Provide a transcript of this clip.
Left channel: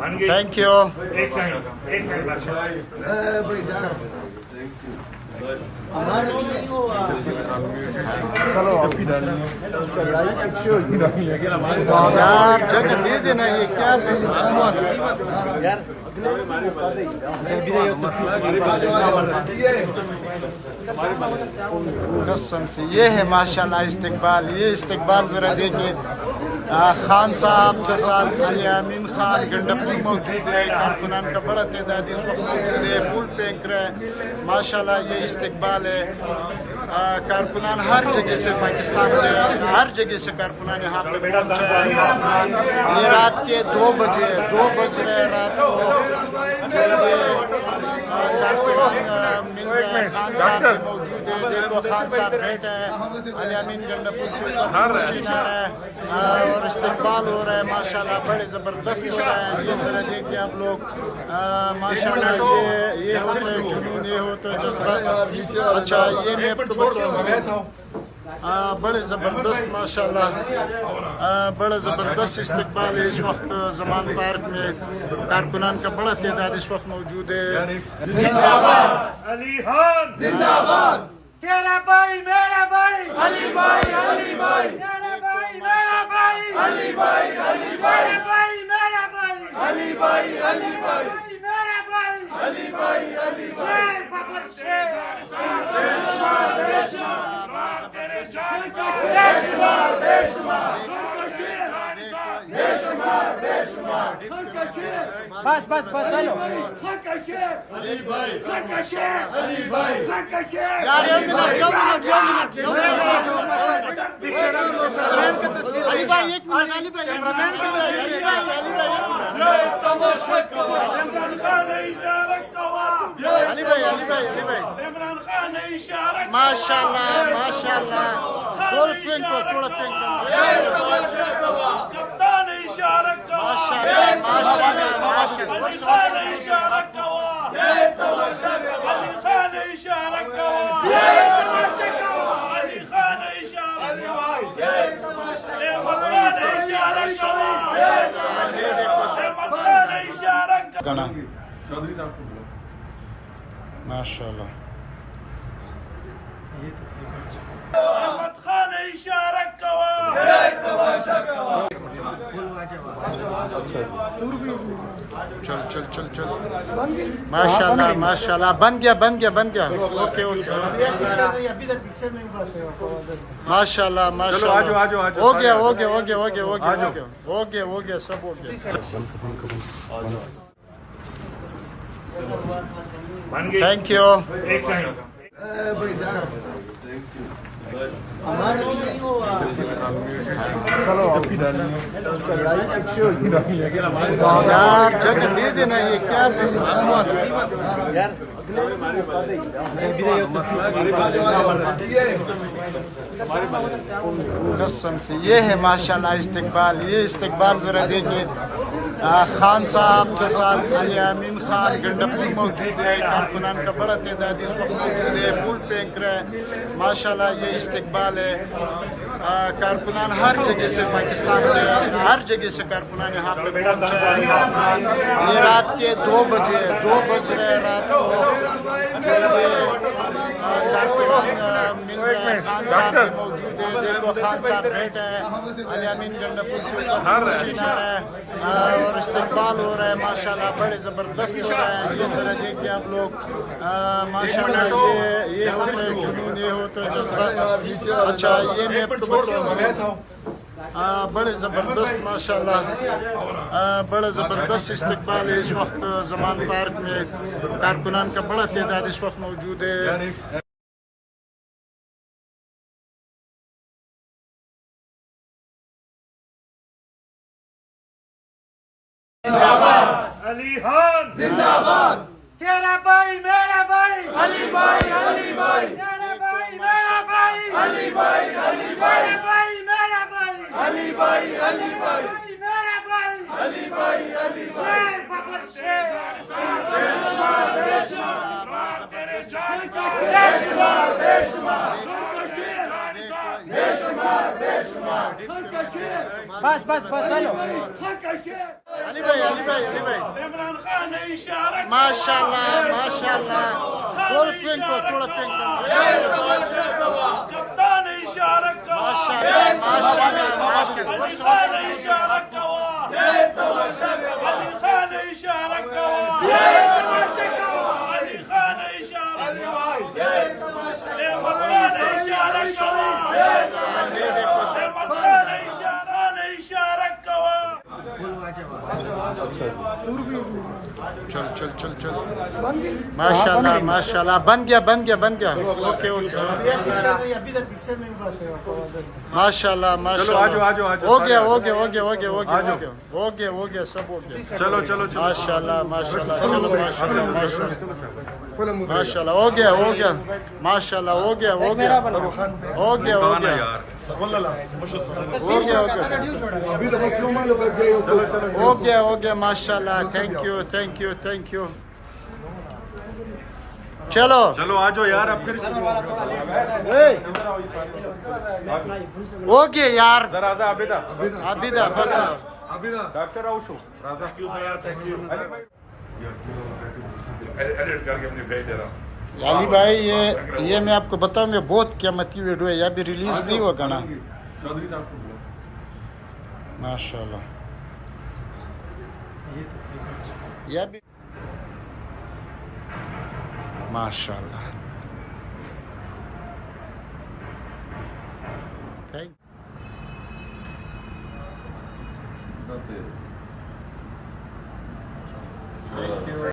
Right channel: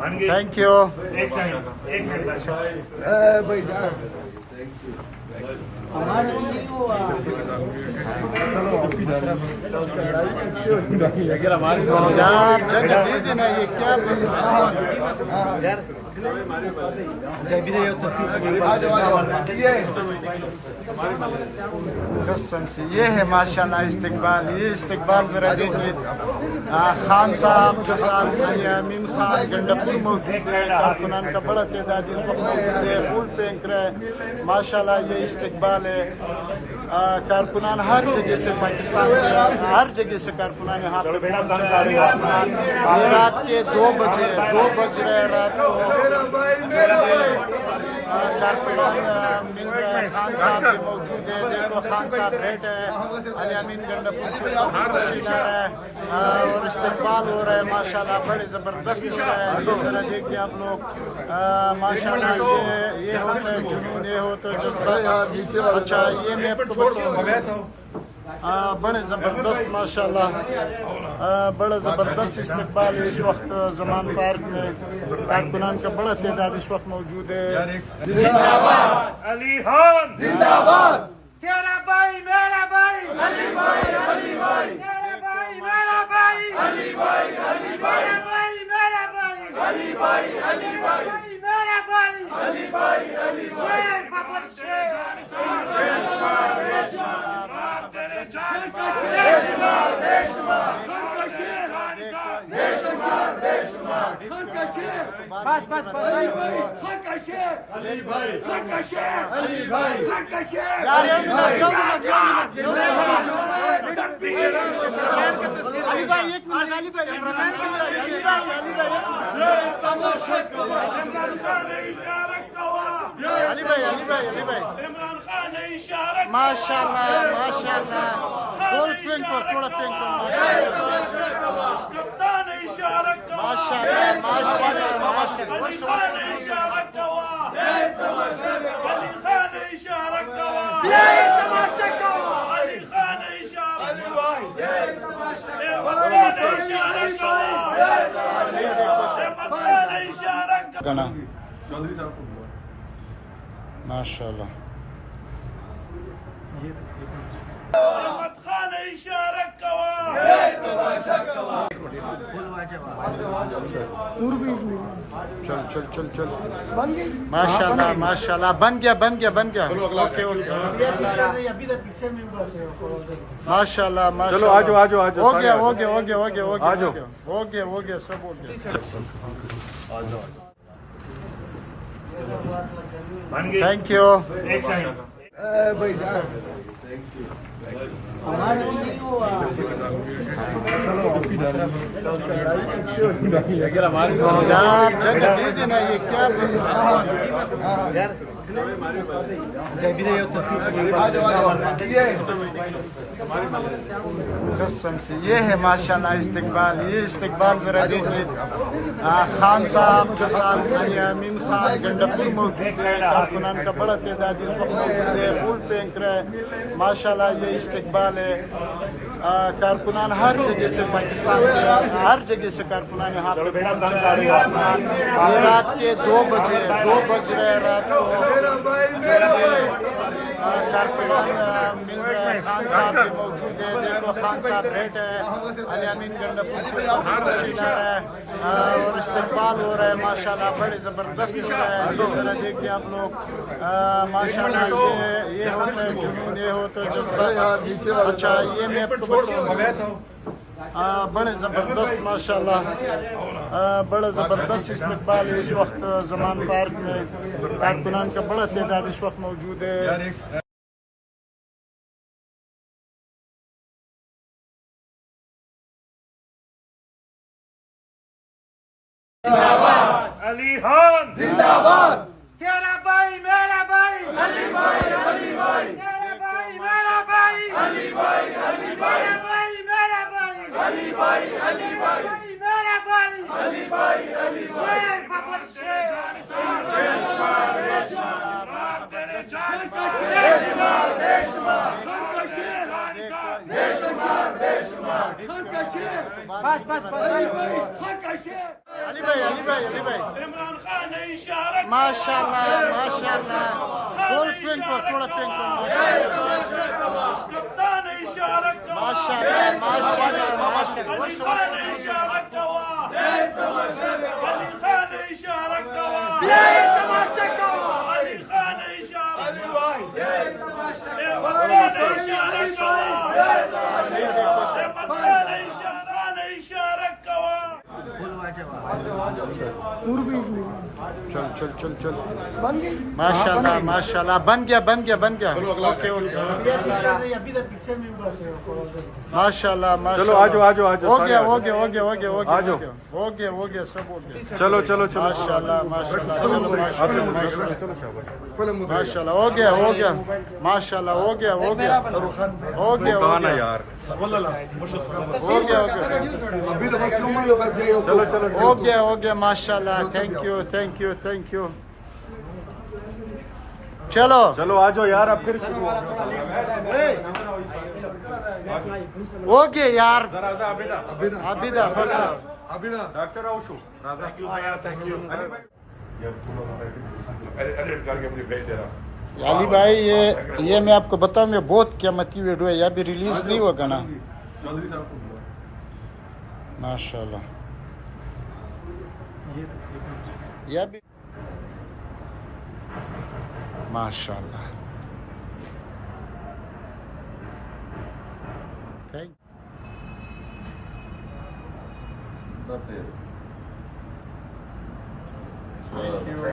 Thank you. एक second भाई हमारे भी नहीं हुआ यार जगह दे देना, ये क्या यार कसम से ये है माशाल्लाह इस्तकबाल। ये इस्तकबाल जरा देखिए। खान साहब के साथ अलियामीन खान गंडापुर मौजूद है। कारकुनान का बड़ा तादाद इस वक्त मौजूद है। फूल फेंक रहे हैं माशाल्लाह। ये इस्तकबाल है। कारकुनान हर जगह से, पाकिस्तान के हर जगह से कारकुनान यहाँ पे पहुँचे हैं। कारकुनान ये रात के 2 बज रहे रात को जो ये कारकुनान मिल रहे हैं। खान साहब भी मौजूद है। देखो खान साहब बैठे हैं अलियामीन गंडापुर के ऊपर फूल छीना रहे हैं और इस्तकबाल हो रहा है माशाल्लाह। बड़े ज़बरदस्त हो रहा है। ये ज़रा देखिए आप लोग माशाल्लाह। ये होता है जुनून, ये होता है जज्बा। अच्छा ये मैं बड़े ज़बरदस्त माशाल्लाह बड़ा ज़बरदस्त इस्तकबाल है इस वक्त ज़मान पार्क में। कारकुनान का बड़ा तादाद इस वक्त मौजूद है। जिंदाबाद अली खान जिंदाबाद। तेरा भाई मेरा भाई अली भाई तेरा भाई मेरा भाई अली भाई मेरा भाई मेरा भाई शेर बाबर शेर बस यार 1 मिनट अली भाई 1 मिनट अली भाई इमरान खान ने इशारा माशाल्लाह गोल पेंट को थोड़ा पेंट को कप्तान ने इशारा माशाल्लाह इशारा अली खान ने इशारा गाना माशाल्लाह। चल माशाल्लाह बन गया। ओके माशाल्लाह हो गया सब हो गया। Thank you. एक सेकंड हमारे भी नहीं हुआ यार जगह दे देना, ये क्या यार कसम से ये है माशाल्लाह इस्तकबाल। ये इस्तकबाल जरा देखिए। खान साहब के साथ अलियामीन खान गंडापुर मौजूद है। कारकुनान का बड़ा तादाद इस वक्त मौजूद है। फूल फेंक रहे हैं माशाल्लाह। ये इस्तकबाल है। कारकुनान हर जगह से, पाकिस्तान के हर जगह से कारकुनान यहाँ पे पहुँचे हैं। कारकुनान ये रात के 2 बज रहे रात को जो ये कारकुनान मिल रहे हैं। खान साहब भी मौजूद है। देखो खान साहब बैठे हैं अलियामीन गंडापुर के ऊपर फूल छीना रहे हैं और इस्तकबाल हो रहा है माशाल्लाह। बड़े ज़बरदस्त हो रहा है। ये ज़रा देखिए आप लोग माशाल्लाह। ये होता है जुनून, ये होता है जज्बा। अच्छा ये मैं बड़े ज़बरदस्त माशाल्लाह बड़ा ज़बरदस्त इस्तकबाल है इस वक्त ज़मान पार्क में। कारकुनान का बड़ा तादाद इस वक्त मौजूद है। अली खान जिंदाबाद। तेरा भाई मेरा भाई अली भाई तेरा भाई मेरा भाई मेरा भाई शेर बाबर शेर علی بھائی عمران خان اشارہ ماشاء اللہ بول پینک کو تھوڑا پینک کو کپتان اشارہ ماشاء اللہ ورش اشارہ کوا علی خان اشارہ کوا علی خان اشارہ علی بھائی عمران اشارہ کوا عمران اشارہ کوا چل ماشاء اللہ بن گیا اوکے ماشاء اللہ ہو گیا سب ہو گیا چلو ماشاء اللہ چلو ماشاء اللہ ہو گیا ماشاء اللہ ہو گیا ماشاء اللہ تھینک یو چلو آ جاؤ یار اب پھر ہو گیا یار ابھی بس ڈاکٹر اوشو علی بھائی یہ میں آپ کو بتاؤں یہ بہت قیمتی ویڈیو ہے یہ ابھی ریلیز نہیں ہوگا نا ماشاء اللہ یہ بھی ماشاء اللہ تھینک یو